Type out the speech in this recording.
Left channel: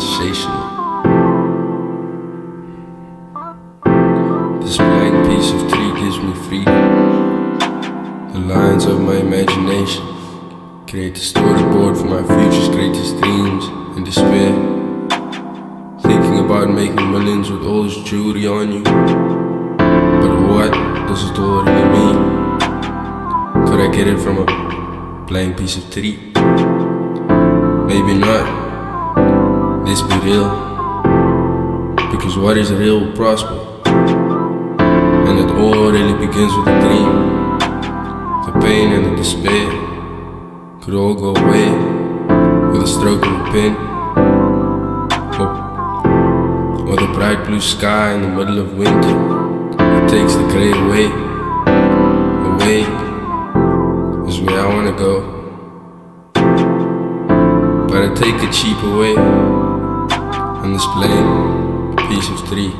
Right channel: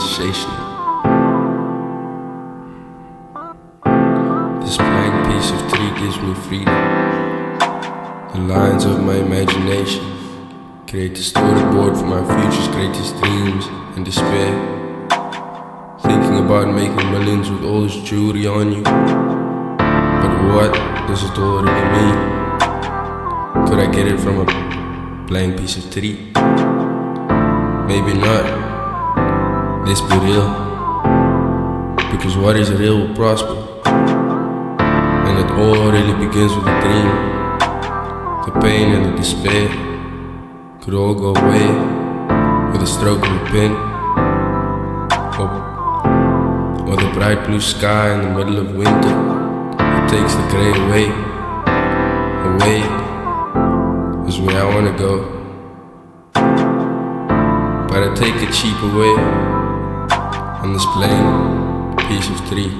sensational. This blank piece of tree gives me freedom. The lines of my imagination create a storyboard for my future's greatest dreams and despair. Thinking about making millions with all this jewelry on you. But what does it all really mean? Could I get it from a blank piece of tree? Maybe not. Let's be real. Because what is real will prosper. And it all really begins with a dream. The pain and the despair could all go away with a stroke of a pen. Or the bright blue sky in the middle of winter. It takes the grey away. Away is where I wanna go. But I take a cheaper way on this blank piece of tree.